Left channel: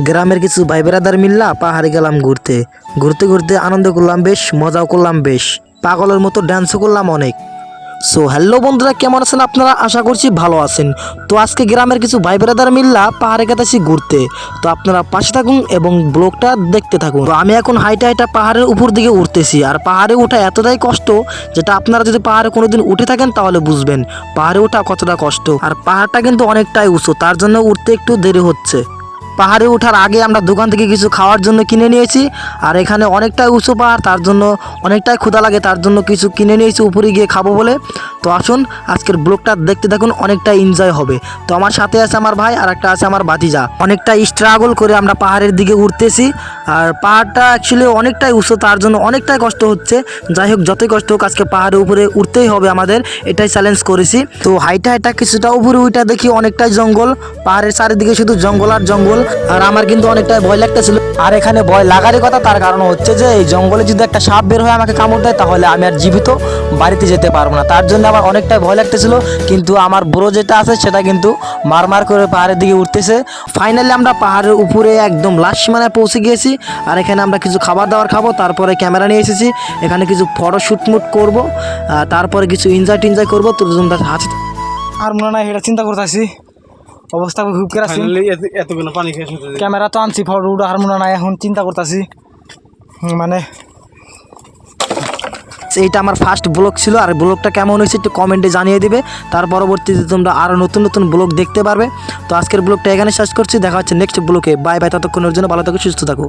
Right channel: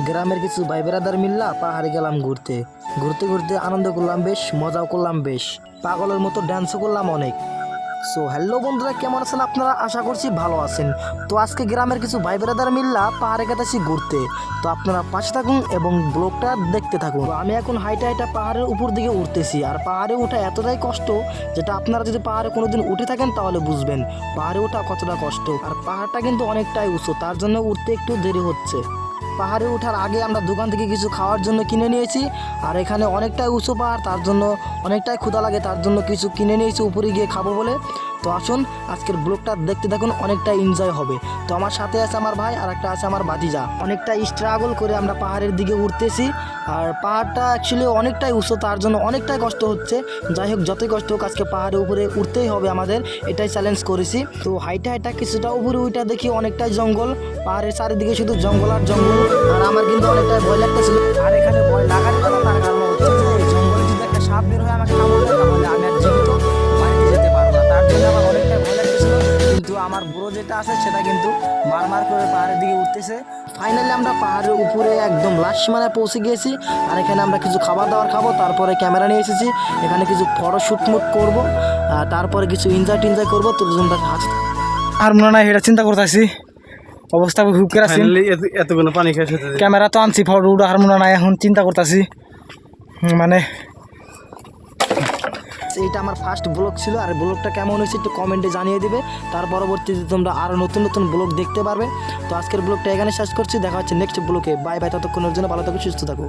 গ্রামের কিছু ভাই বেড়াদার মিল্লা পাহাড়ে গেলাম ঘুরতে ঘুরতে ঘুরতে আনন্দ করলাম বেশ, মজাও করলাম বেশ, পাগলের মতো ড্যান্সও করলাম অনেক। সো হ্যালো বন্ধুরা, কেমন আছেন আপনারা? আশা করছি ভালো আছেন। তো আজকে গ্রামের কিছু ভাই বেড়াদার মিল্লা পাহাড়ে গেতেছি ঘুরতে। তো আপনারা পাশে থাকুন এবং ব্লগটা দেখতে থাকুন। তো আমি এখন হাইটা হাইটা পাহাড়ের উপর দিকে উঠতেছি, আর পাহাড়ে ওঠা এতটাই কষ্ট যেটা আপনারা যদি পাহাড়ে কোনোদিন উঠে থাকেন তাহলে বুঝবেন পাহাড়ে ওঠা কতটা কষ্ট। আর পাহাড়টা কিন্তু অনেকটাই উঁচু, তার জন্য উঠতে একটু দেরি হচ্ছে। পাহাড়ে ওঠার আগে আমরা দোকান থেকে কিছু খাওয়ার জন্য কিনে নিয়েছি, আর এখানে অনেকটাই উঁচু পাহাড়, তার জন্য অনেকটাই ক্ষুধা লাগে, তার জন্য কিছু কিনে নিয়েছি উপরে গিয়ে খাবো বলে। তো আসুন আজকের ব্লগটা দেখতে থাকুন, অনেকটা এনজয় হবে। তো আমার সাথে আছে আমার ভাই আর একটা আছে আমার ভাতিজা। অনেকটা স্ট্রাগল করে আমরা পাহাড়ের দিকে উঠতেছি, আর পাহাড়টা অ্যাকচুয়ালি অনেকটাই উঁচু, তার জন্য অনেকটাই কষ্ট হচ্ছে। যাই হোক, যতই কষ্ট হোক আজকে পাহাড়ের উপরে উঠতেই হবে আমাদের, এটাই চ্যালেঞ্জ করেছি। তো হাইটা হাইটা কিছুটা উপরে উঠা দেখি অনেকটাই জঙ্গল, পাহাড়ের চারিদিকে শুধু জঙ্গল আর জঙ্গল। আর আমার কিন্তু অনেকটাই ভয় লাগতেছিল, আর এখানে ভয় লাগারই কথা, তার কারণ হচ্ছে যে এই জঙ্গলে যদি একটা সাপ বের হয়ে আমাকে কামড় দেয় তাহলে আমি আর জীবিত বাড়িতে যেতে পারবো না, তার জন্য আমার অনেকটাই ভয় লাগতেছিল। কিন্তু আমার বড় যেটা আছে সেটা কিন্তু মারমার করে পাহাড়ের দিকে উঠতেছে। ফাইনালি আমরা পাহাড়ের উপরে একদম লাস্ট সীমানায় পৌঁছে গিয়েছি, আর এখানে আমরা কিছু খাবার দাবার খাবো, তারপরে ক্যামেরা নিয়ে এসেছি, এখানে কিছু ফটো শুটমুট করবো, তারপরে কিছু এনজয় টিনজয় করবো। তো তোমরা আর মনে নাই এটা চিন্তা করতেছি, অবস্থা খুব করে আছি। এতগুলো পানি খেয়েছে ক্যামেরা তো আনছি, ফটো উঠা আর মনে নাই, এখন চিন্তা করতেছি মানে। এইটা আমার ফার্স্ট ব্লগ ছিল, আর ব্লগটা কেমন হয়েছে একটু কমেন্টে জানিয়ে দিবে। তার পরবর্তীতে তোমরা আরও নতুন নতুন ব্লগ দেখতে পারবে। তো আজকের ব্লগটা এখানে শেষ করছি, দেখা হচ্ছে নেক্সট ব্লগে। বাই বাই, ততক্ষণের জন্য ভালো থাকো, সুস্থ থাকো।